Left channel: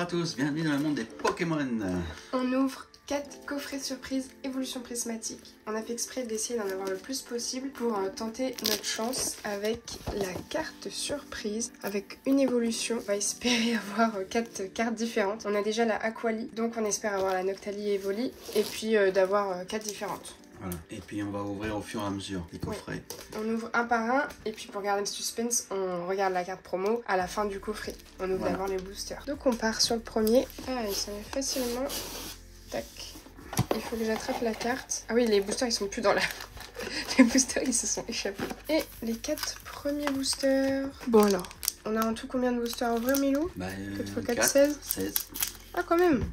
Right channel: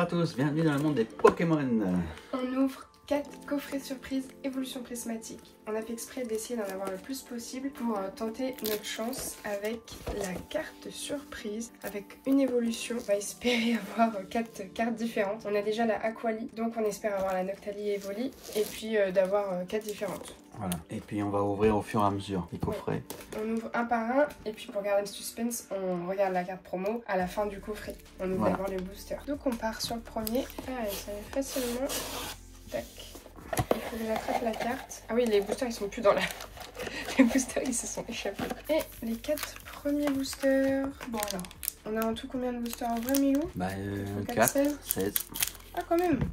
à tous, bienvenue dans le monde des Pokémon. On ouvre 4 coffrets surprises évolution prismatique. On a fait exprès d'essayer d'en avoir le plus possible pour tenter notre chance avec la carte surprise. Avec une évolution, on va espérer avoir 4 cartes différentes. On a déjà la Aquali, donc on espère avoir la Noctali et Evoli, et puis d'avoir 4 différentes. Voilà, et puis on va ouvrir au fur et à mesure les coffrets. On ouvre un par un, et puis pour garder le suspense, on regarde la carte promo à la fin du coffret. On ouvre d'abord les boosters. Donc on part sur le premier. Ah, ça va facilement. Tac. Il faut que j'attrape la carte. Ah oui, les boosters ils sont plus dans la... Les boosters ils se sont échappés. Et les 4 premiers boosters. Bon alors, on a en tout combien de boosters en vrai, Milou? 4 x 4, 16. Ah quand même.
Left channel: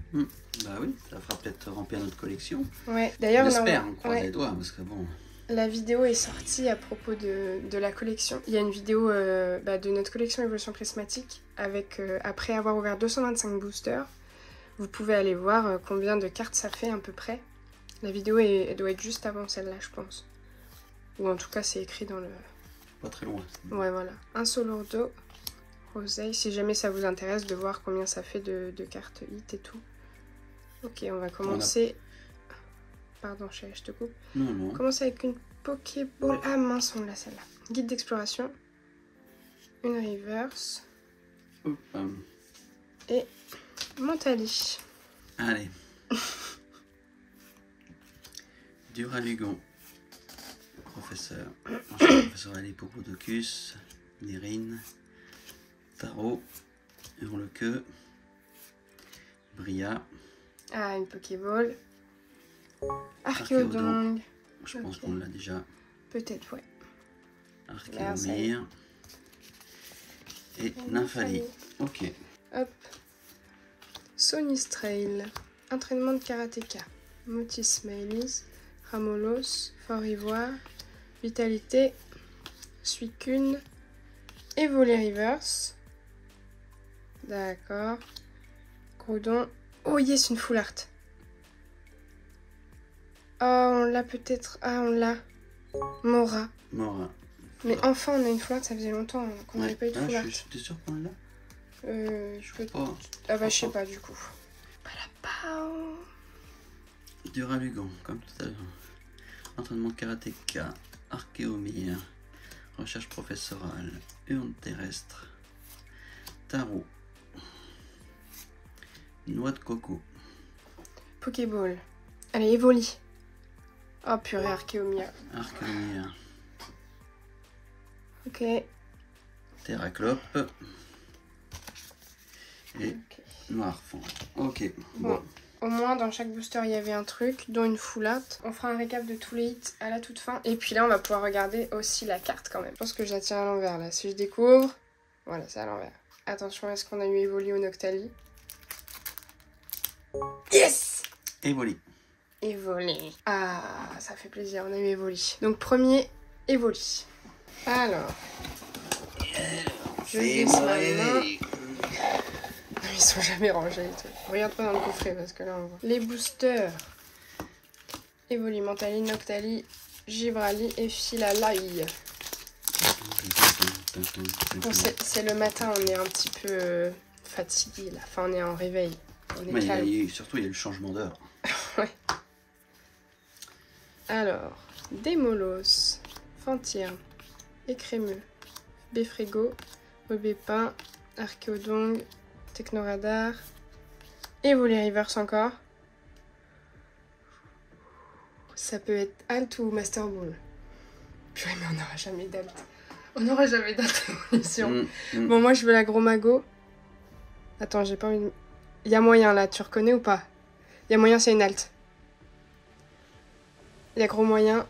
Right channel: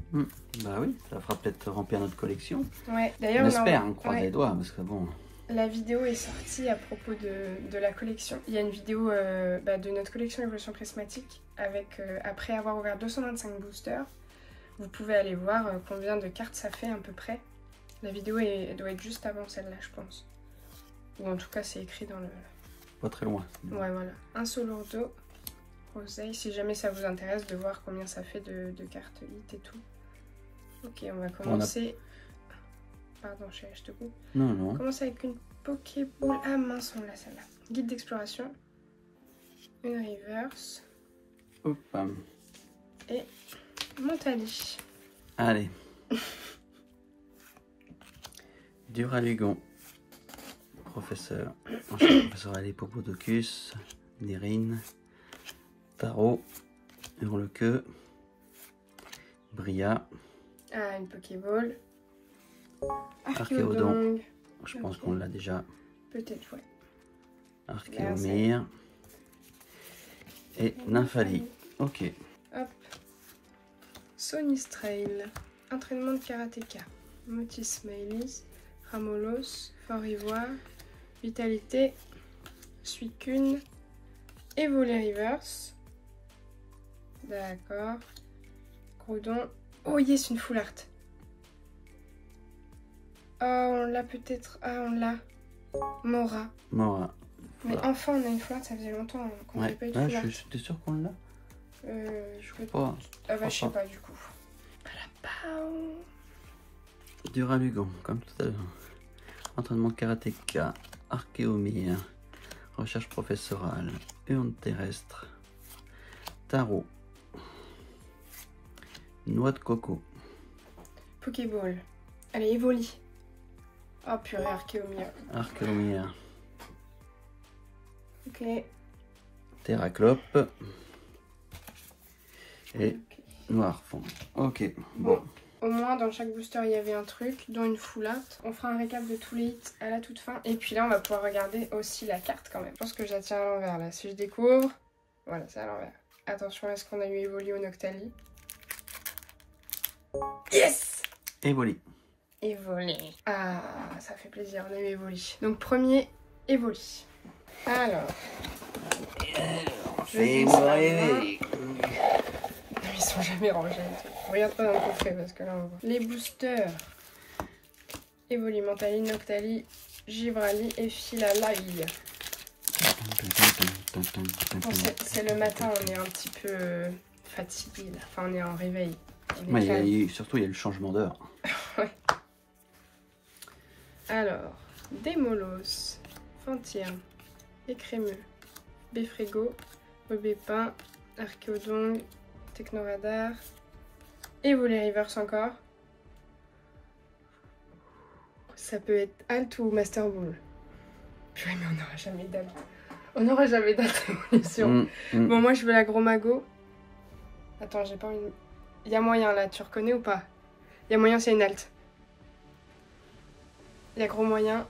Bah oui, ça fera peut-être remplir notre collection. Ouais, d'ailleurs on espère, on croise les doigts parce que bon... La vidéo est sortie à propos de la collection. Il y a une vidéo de notre collection évolution prismatique avec, après avoir ouvert 225 boosters. Vous pouvez aller voir combien de cartes ça fait à peu près. La vidéo elle doit être juste avant celle-là, je pense. Ou en tout cas, c'est écrit dans le... Pas très loin. Ouais, voilà. Un Solordo, Roseille, si jamais ça vous intéresse de voir combien ça fait de cartes hit et tout. Ok, on va commencer... Pardon, je te coupe. Non, non. On commence avec une Pokéball. Ah mince, on l'a celle-là. Guide d'exploration. Une reverse. Et Mentali. Allez. Duralugon. Professeur. Ensuite, professeur Ali Popodocus. Nérine. Tarot. Hurlequeux. Bria. Ah, une Pokéball. Archéodon. Archéodon. Je pense qu'on l'a déjà. Peut-être, ouais. Archéomir. Et Nymphali. Ok. Hop. Sonistrail. Entraînement de karatéka. Motis Smileys. Ramolos. Fort Ivoire. Vitalité. Suicune. Evoli Reverse. D'accord. Groudon. Oh yes, une full art. Oh, on l'a peut-être. Ah, on l'a. Mora. Mora. Mais enfin, on a une full art, ça faisait longtemps qu'on n'avait pas eu de full art. T'es sûr qu'on l'a? Je crois pas. Ah bah, je sais pas du coup. Duralugon, comme tout à l'heure. Entraînement karatéka. Archéomir. Recherche professorale. Urne terrestre. Tarot. Noix de coco. Pokéball. Allez, Evoli. Oh purée, Archéomir. Archéomir. Ok. Terraclope. Et Noirfond. Ok. Bon. Au moins, dans chaque booster, il y avait un truc, dont une full art. On fera un récap de tous les hits à la toute fin. Et puis là, on va pouvoir regarder aussi la carte quand même. Je pense que je la tiens à l'envers là. Si je découvre... Voilà, c'est à l'envers. Attention, est-ce qu'on a eu Evoli ou Noctali? Yes! Evoli. Evoli. Ah, ça fait plaisir, on a eu Evoli. Donc, premier, Evoli. Alors... C'est moi. Non, ils sont jamais rangés. Regarde pas dans le coffret parce que là on voit. Les boosters. Evoli, Mentali, Noctali, Givrali et Filalai. Bon, c'est le matin, on est un petit peu fatigué là. Enfin, on est en réveil. On est surtout, il y a le changement d'heure. Ouais. Alors, Démolos, Fantierne, Écrémeux, Béfrégo, Bobépin, Archéodong, Technoradar, Evoli Reverse encore. Ça peut être Alt ou Master Ball. Purée, mais on n'aura jamais d'Alt. On n'aura jamais d'Alt évolution. Bon, moi je veux la Gros Mago. Attends, j'ai pas une... Il y a moyen là, tu reconnais ou pas? Il y a moyen, c'est une Alt. Il y a gros moyen.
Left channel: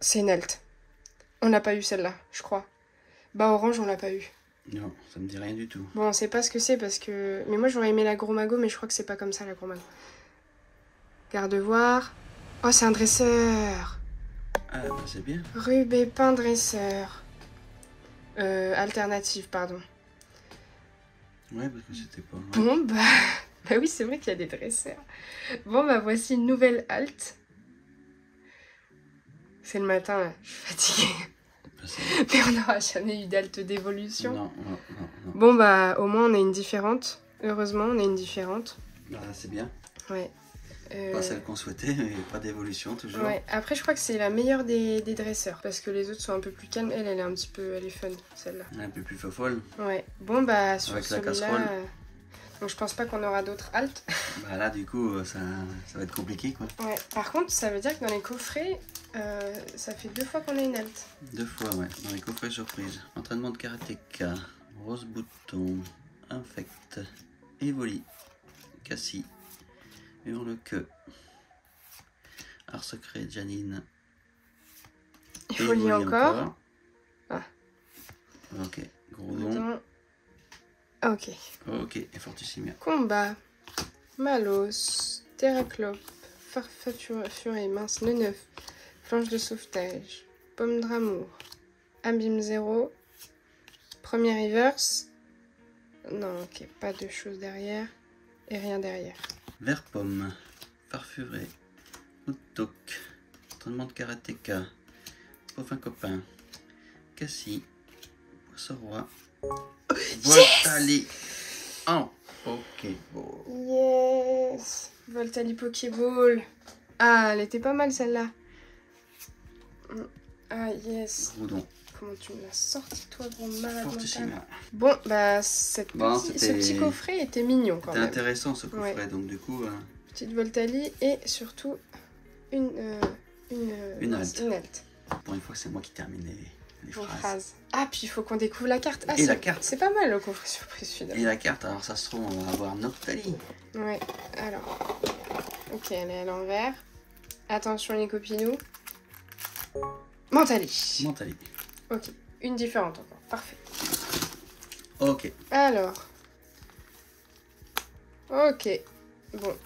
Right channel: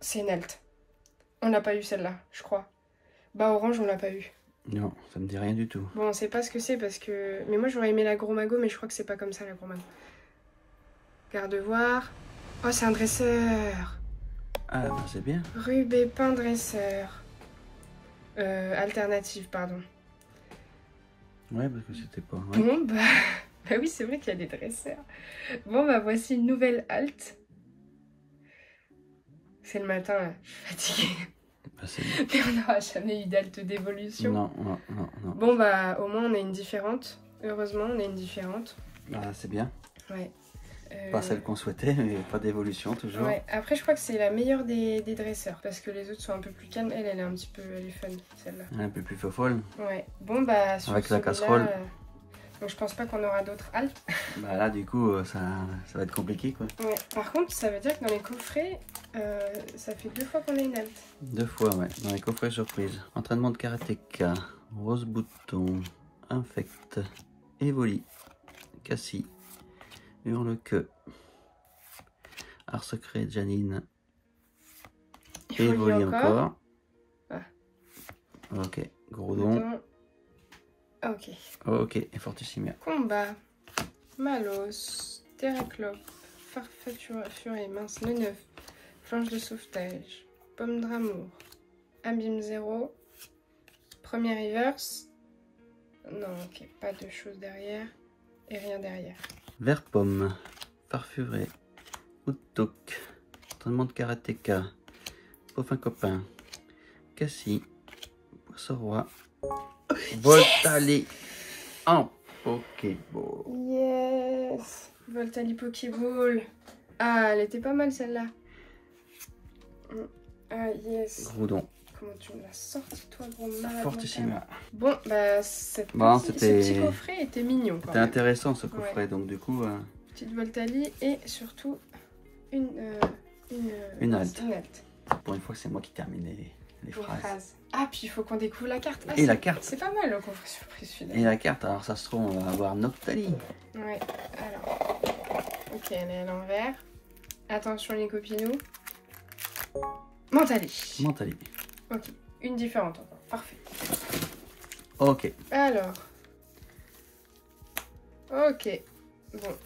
C'est une Alt. On n'a pas eu celle-là, je crois. Bah, Orange, on l'a pas eu. Non, ça me dit rien du tout. Bon, on sait pas ce que c'est parce que... Mais moi, j'aurais aimé la Gros Mago, mais je crois que c'est pas comme ça, la Gros Mago. Gardevoir. Oh, c'est un dresseur. Ah, bah c'est bien. Rubépin dresseur. Alternative, pardon. Ouais, parce que c'était pas... Ouais. Bon, bah... Bah oui, c'est vrai qu'il y a des dresseurs. Bon, bah voici une nouvelle Alt. C'est le matin, là. Je suis fatiguée. Mais on n'aura jamais eu d'Alt d'évolution. Non. Bon, bah, au moins, on a une différente. Heureusement, on a une différente. Ah, c'est bien. Ouais. Pas celle qu'on souhaitait, mais pas d'évolution toujours. Ouais. Après, je crois que c'est la meilleure des dresseurs. Parce que les autres sont un peu plus calmes. Elle est un petit peu... Elle est fun, celle-là. Un peu plus folle. Ouais. Bon, bah, sur avec la celui-là... casserole. Donc, je pense pas qu'on aura d'autres haltes. Bah là, du coup, ça va être compliqué, quoi. Ouais. Par contre, ça veut dire que dans les coffrets, ça fait 2 fois qu'on a une halte. 2 fois, ouais. Dans les coffrets surprise. Entraînement de karatéka. Rose bouton. Infect. Evoli. Cassie. Hurle-queue. Art secret, Janine. Evoli encore. Ah. Ok. Groudon. Ok. Ok. Et Fortissimia. Combat. Malos. Terraclope. Farfafuré. Mince. Le 9. Planche de sauvetage. Pomme d'amour. Abîme 0. Premier reverse. Non, ok. Pas de choses derrière. Et rien derrière. Vert pomme. Farfuré. Outok. Entraînement de karatéka. Pauvin copain. Cassie. Poisson roi. Voltali. En Pokéball. Yes. Voltali Pokéball. Ah, elle était pas mal celle-là. Ah, yes. Groudon. Comment tu me l'as sorti, toi, gros malade. Fortissimia. Bon, bah, ce petit coffret était mignon quand C'était même. intéressant ce coffret, Ouais. donc du coup... Petite Voltali et surtout une halte. halte. Pour une fois que c'est moi qui termine les phrases. Ah, puis il faut qu'on découvre la carte. Ah, Et la carte. C'est pas mal le coffret surprise celui-là. Et la carte, alors ça se trouve, on va avoir Noctali. Ouais, alors. Ok, elle est à l'envers. Attention les copinous. Mentali. Mentali. Ok, une différente encore. Parfait. Ok. Alors. Ok. Bon.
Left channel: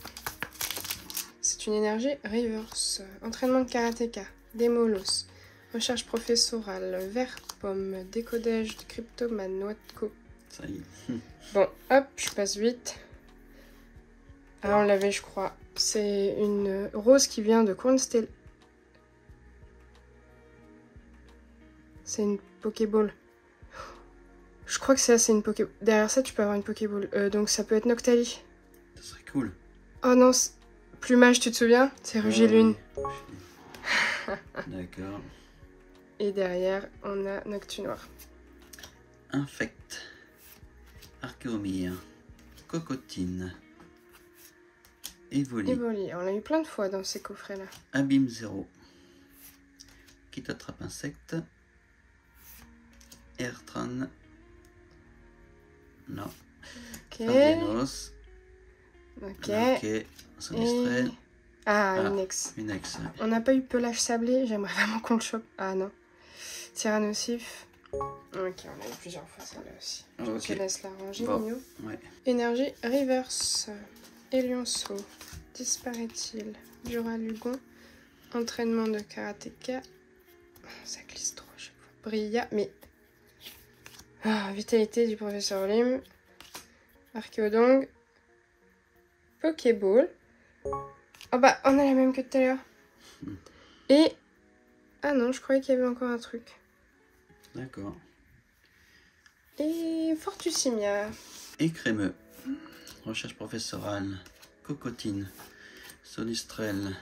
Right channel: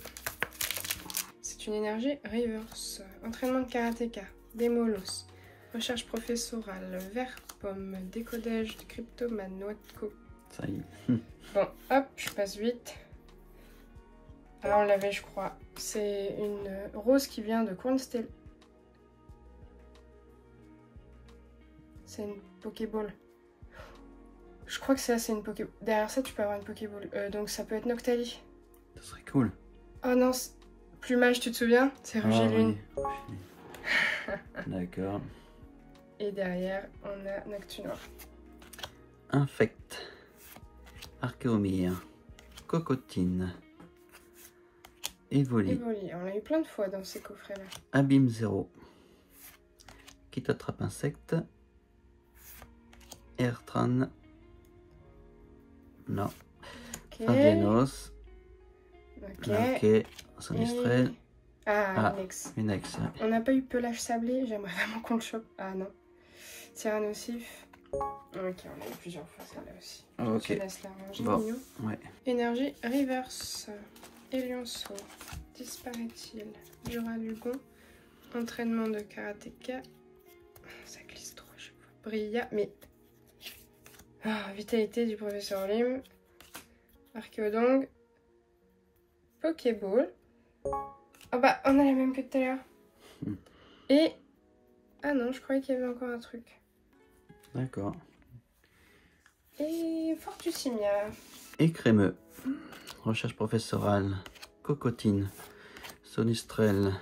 C'est une énergie reverse. Entraînement de karatéka. Démolos. Recherche professorale. Vert pomme. Décodage de cryptomane. Noix de coco. Ça y est. Bon, hop, je passe vite. Alors, on l'avait, je crois. C'est une rose qui vient de Cornstel. C'est une Pokéball. Je crois que ça, c'est une Pokéball. Derrière ça, tu peux avoir une Pokéball. Donc, ça peut être Noctali. Ça serait cool. Oh non, Plumage, tu te souviens? C'est Rugilune. Oui. D'accord. Et derrière, on a Noctunoir. Infect. Archéomire. Cocotine. Evoli. Evoli. On l'a eu plein de fois dans ces coffrets-là. Abîme 0. Qui t'attrape insecte. Airtran. Non. Ok. Fargenos. Ok. Ok. Sonistrel. Ah, Unex. Unex, ouais. On n'a pas eu Pelage Sablé. J'aimerais vraiment qu'on le chope. Ah non. Tyrannosif. Ok, on a eu plusieurs fois celle-là aussi. Ok. Je laisse la ranger, Bon. mignon. Ouais. Énergie Reverse. Elionceau. Disparaît-il? Duralugon. Entraînement de karatéka. Ça glisse trop à chaque fois. Brilla, mais... Ah, vitalité du professeur Olim. Archéodong. Pokéball. Oh bah, on a la même que tout à l'heure. Et... Ah non, je croyais qu'il y avait encore un truc. D'accord. Et Fortussimia. Écrémeux. Recherche professorale. Cocotine. Sonistrel.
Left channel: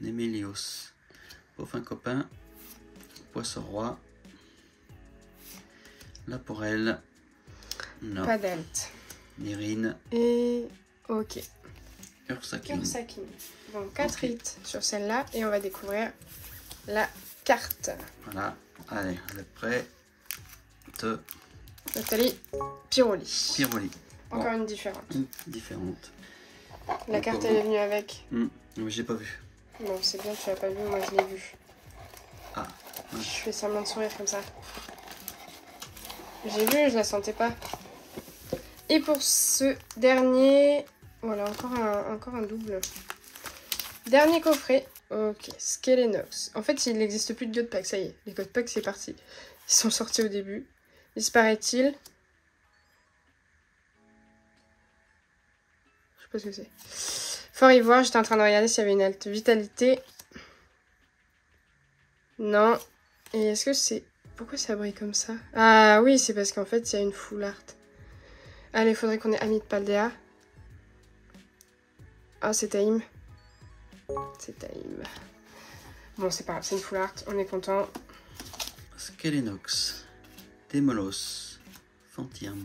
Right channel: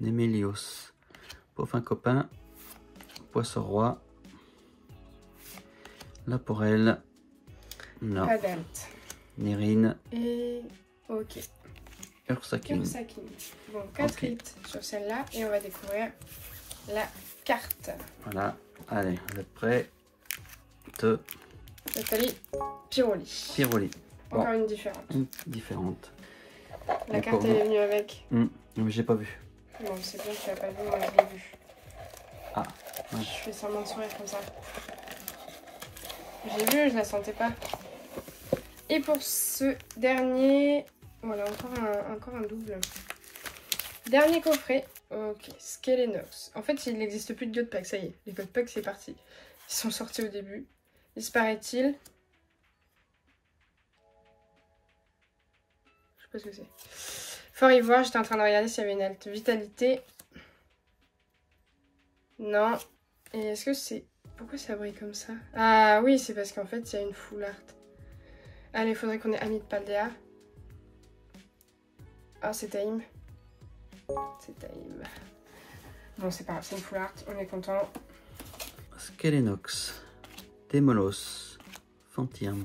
Némélios. Pauvin copain. Poisson roi. Laporelle. Non. Pas d'alt. Mérine. Et... Ok. Ursakine. Ursakine. Bon, 4 hits sur celle-là. Et on va découvrir la carte. Voilà. Allez, vous êtes prêts? Nathalie. Pyroli. Pyroli. Encore une différente. Une différente. La carte, elle est venue avec. Mais j'ai pas vu. Bon, c'est bien, tu l'as pas vu, moi je l'ai vu. Ah. Ouais. Je fais semblant de sourire comme ça. J'ai vu, je la sentais pas. Et pour ce dernier... Voilà, encore un double. Dernier coffret. Ok, Skelenox. En fait, il n'existe plus de God Pack, ça y est. Les God Pack, c'est parti. Ils sont sortis au début. Disparaît-il? Je sais pas ce que c'est. Fort Ivoire, j'étais en train de regarder s'il y avait une halte vitalité. Non. Et est-ce que c'est... Pourquoi ça brille comme ça? Ah oui, c'est parce qu'en fait, il y a une full art. Allez, il faudrait qu'on ait Ami de Paldea. Ah, c'est Taïm. C'est Taïm. Bon, c'est pas grave, c'est une full art, on est content. Skelenox, Démolos, Fantium,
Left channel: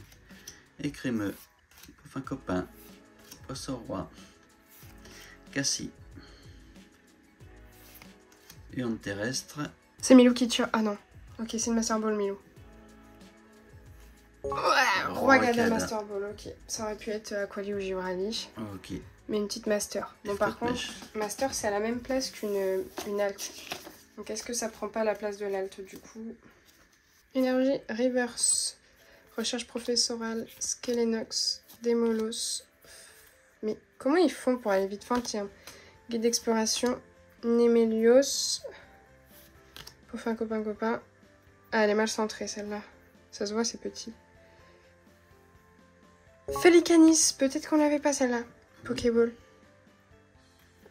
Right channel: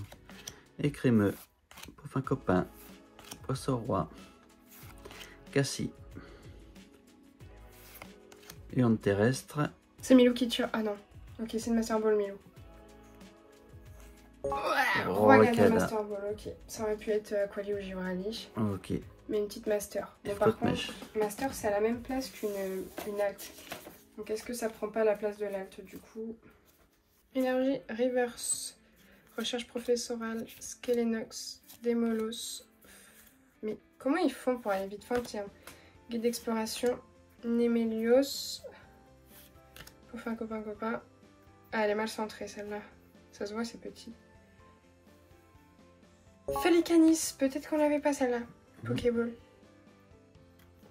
Écrémeux, Poufin Copain, Poisson Roi, Cassie, Urne Terrestre. C'est Milou qui tue. Ah non. Ok, c'est une Master Ball Milou. Ouais, Rwagada Master Ball, ok. Ça aurait pu être Aquali ou Giorani. Ok. Mais une petite Master. Bon, par contre, Master, c'est à la même place qu'une Alt. Donc, est-ce que ça prend pas la place de l'Alt du coup? Énergie Reverse. Recherche professorale. Skelenox. Démolos. Mais comment ils font pour aller vite? Enfin, tiens. Guide d'exploration. Nemelios. Poufin copain. Ah, elle est mal centrée celle-là. Ça se voit, c'est petit. Felicanis. Peut-être qu'on l'avait pas celle-là. Pokéball.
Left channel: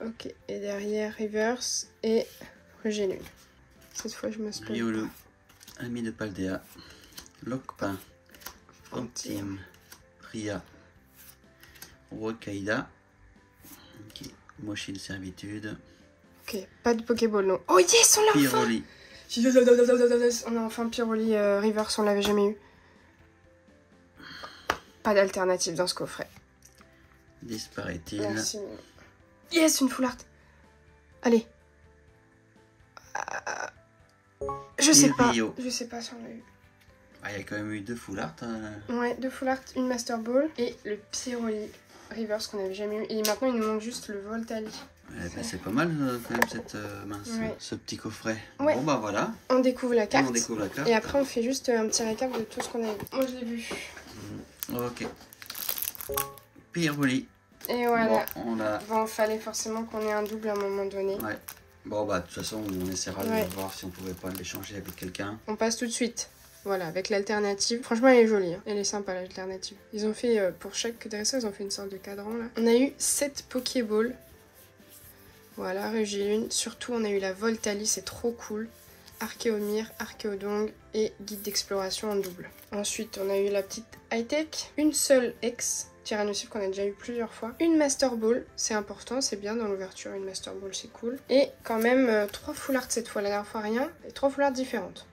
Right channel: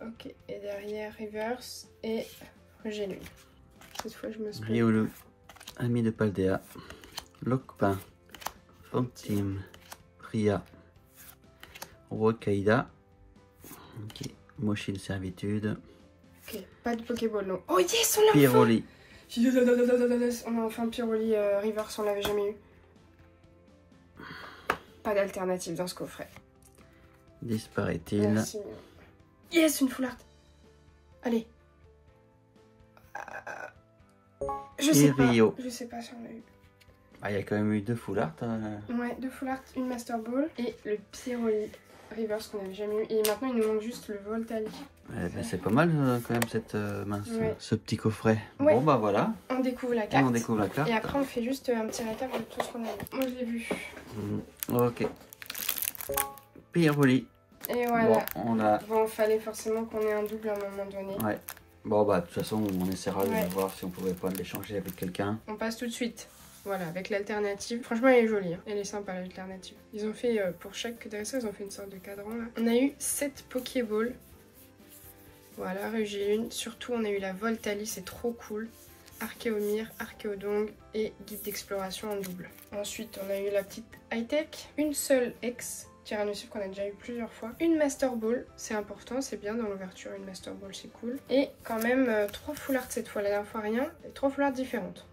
Ok. Et derrière, Reverse. Et Régilune. Cette fois, je me spoil. Riolu, Ami de Paldea, Lokpin, Fantim, Ria, Rokaida. Ok. Moshil Servitude. Ok. Pas de Pokéball, non. Oh yes, on l'a enfin! Pyroli. On a enfin Pyroli Reverse, on l'avait jamais eu. Pas d'alternative dans ce coffret. Disparaît-il? Merci. Yes, une full art. Allez. Je sais pas. Je sais pas si on l'a eu. Ah, il y a quand même eu 2 full art. Ouais, 2 full art, une Master Ball et le Pyroli Reverse qu'on avait jamais eu. Et maintenant, il nous manque juste le Voltali. Ouais, bah, c'est pas mal quand même cette ce petit coffret. Ouais. Bon bah voilà. On découvre la carte. On découvre la carte. Et après, on fait juste un petit récap de tout ce qu'on a vu. Moi, je l'ai vu. Ok. Pyroli. Et voilà. Bon, on a... Bon, fallait forcément qu'on ait un double à un moment donné. Ouais. Bon bah de toute façon, on essaiera de voir si on pouvait pas l'échanger avec quelqu'un. On passe tout de suite. Voilà, avec l'alternative. Franchement, elle est jolie. Hein. Elle est sympa, l'alternative. Ils ont fait, pour chaque dresseur, ils ont fait une sorte de cadran, là. On a eu 7 Pokéballs. Voilà, Régilune. Surtout, on a eu la Voltali, c'est trop cool. Archéomir, Archéodong et Guide d'exploration en double. Ensuite, on a eu la petite high-tech. Une seule ex. Tyrannosaure qu'on a déjà eu plusieurs fois. Une Master Ball, c'est important, c'est bien dans l'ouverture, une Master Ball, c'est cool. Et quand même 3 full art cette fois, la dernière fois rien. Et 3 full art différentes.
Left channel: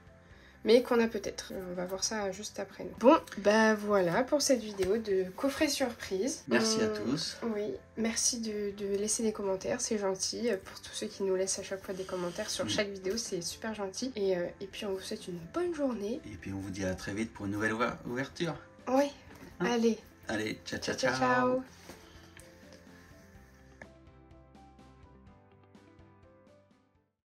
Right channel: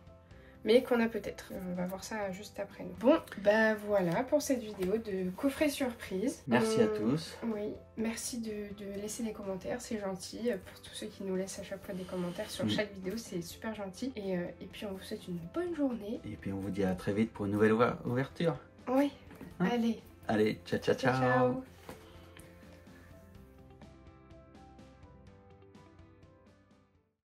Mais qu'on a peut-être. On va voir ça juste après. Bon, bah voilà pour cette vidéo de coffret surprise. Merci à tous. Oui, merci de laisser des commentaires, c'est gentil. Pour tous ceux qui nous laissent à chaque fois des commentaires sur chaque vidéo, c'est super gentil. Et puis on vous souhaite une bonne journée. Et puis on vous dit à très vite pour une nouvelle ouverture. Oui, allez. Allez, ciao. Ciao.